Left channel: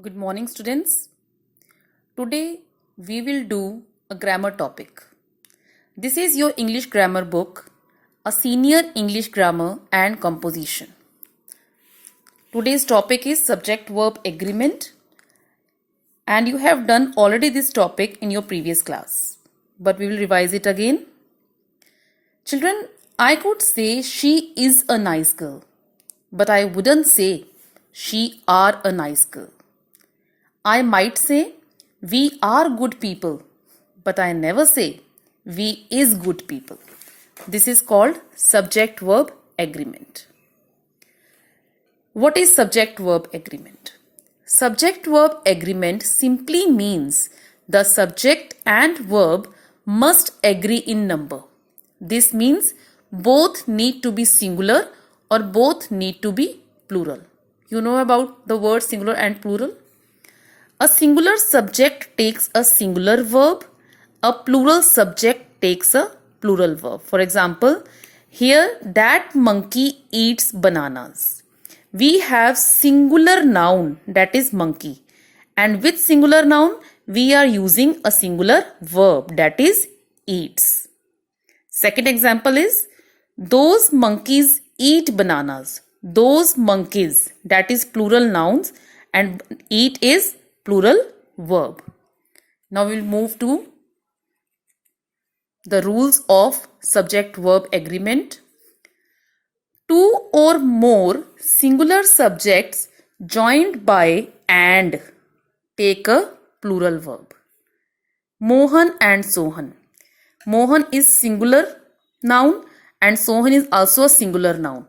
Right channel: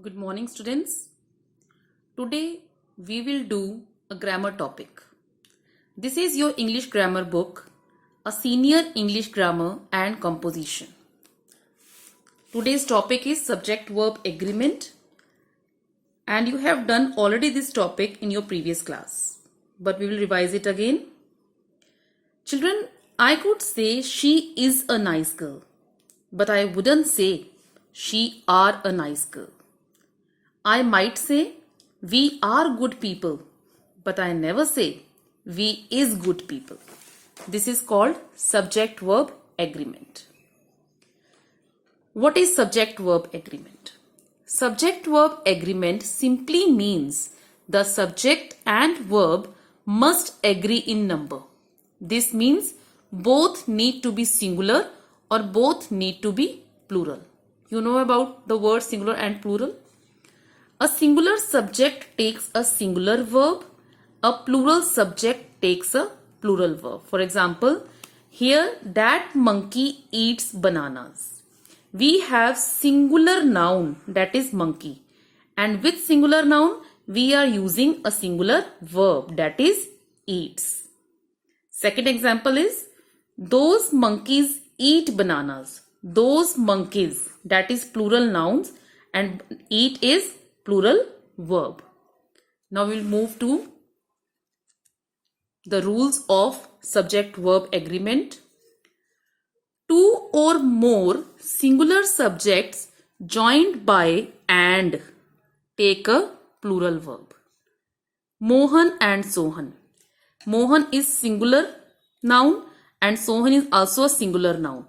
Good morning, students. Today we will do a grammar topic. This is your English grammar book, a senior English grammar and composition. Today's topic is subject verb agreement, and you have done already this topic in your previous class, but we will revise it again. Children, I could say she is a nice girl, but I wouldn't say she are a nice girl. I might say we are good people, but I never say we is good people. This is called subject verb agreement. What is subject verb agreement? Subject verb agreement simply means the subject and verb must agree in number. This means both need to be singular or both need to be plural. You know about the word singular and plural? A singular subject takes a singular verb. A plural subject takes a plural verb. For example, here that monkey eats bananas. We have singular noun, that is monkey. And with singular noun, we are using a singular verb, that is eats. Second example is, those monkeys eat bananas. Those monkeys, that is plural nouns, and eat is plural verb. Now we will move to the rules of subject verb agreement. Two or more singular subjects joined by and take a plural verb. Mohan and Sohan. Mohan is singular noun and Sohan is also a singular noun.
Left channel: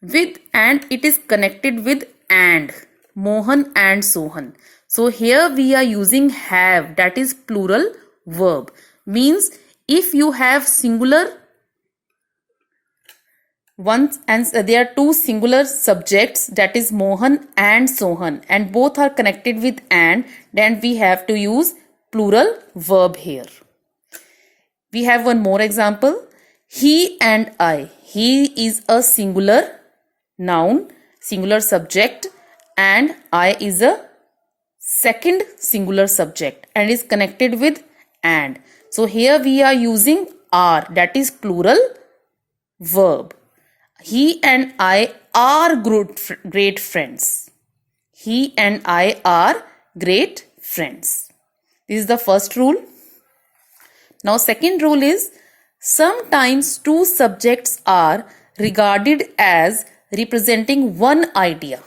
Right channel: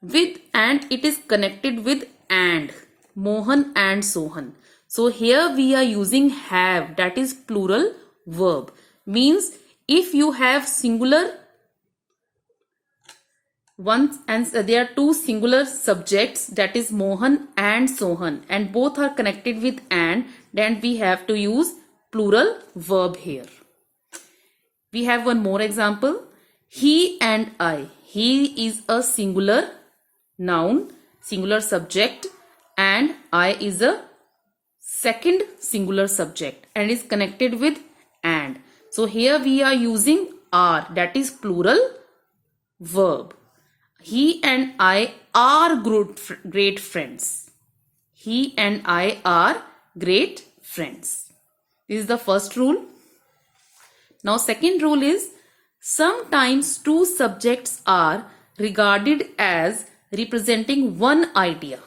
With and it is connected with and. Mohan and Sohan. So here we are using have, that is plural verb. Means if you have singular one and there are two singular subjects, that is Mohan and Sohan, and both are connected with and, then we have to use plural verb here. We have one more example. He and I. He is a singular noun, singular subject, and I is a second singular subject and is connected with and. So here we are using are, that is plural verb. He and I are great friends. He and I are great friends. This is the first rule. Now second rule is, sometimes two subjects are regarded as representing one idea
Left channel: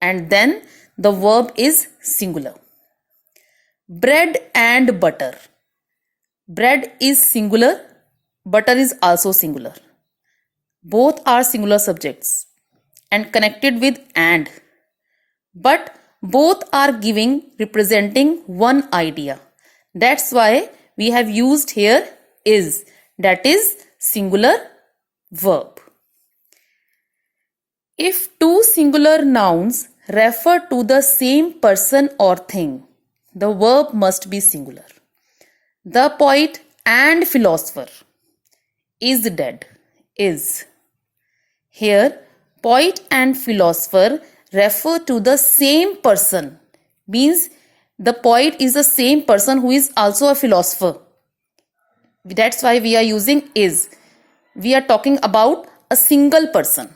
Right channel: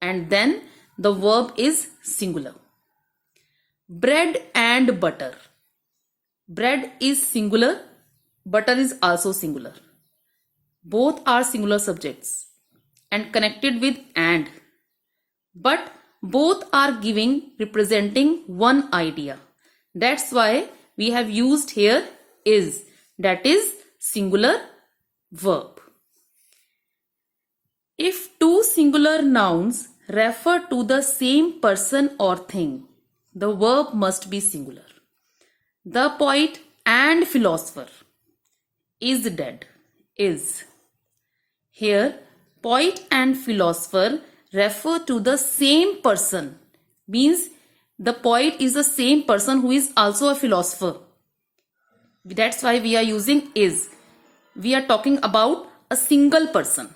and then the verb is singular. Bread and butter. Bread is singular, butter is also singular. Both are singular subjects and connected with and. But both are representing one idea. That's why we have used here is, that is singular verb. If two singular nouns refer to the same person or thing, the verb must be singular. The poet and philosopher is dead. Is. Here, poet and philosopher refer to the same person. Means the poet is the same person who is also a philosopher. That's why we are using is. We are talking about a single person.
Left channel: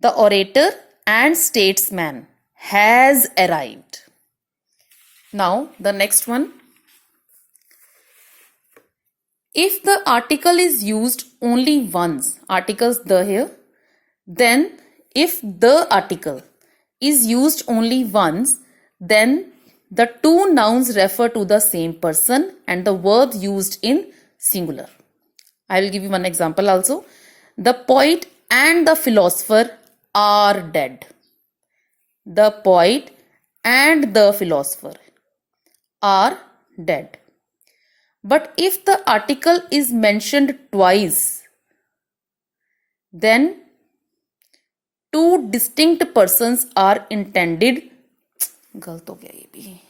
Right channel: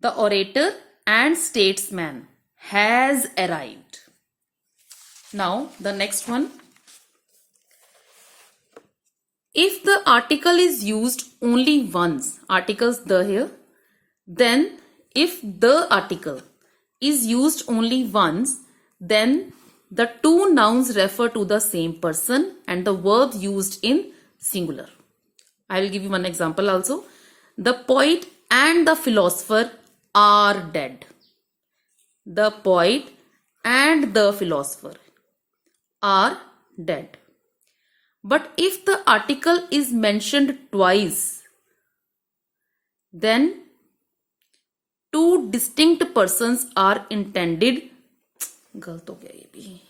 The orator and statesman has arrived. Now the next one. If the article is used only once, articles the here, then if the article is used only once, then the two nouns refer to the same person and the verb used in singular. I will give you one example also. The poet and the philosopher are dead. The poet and the philosopher are dead. But if the article is mentioned twice, then two distinct persons are intended. गलत हो गया ये भी.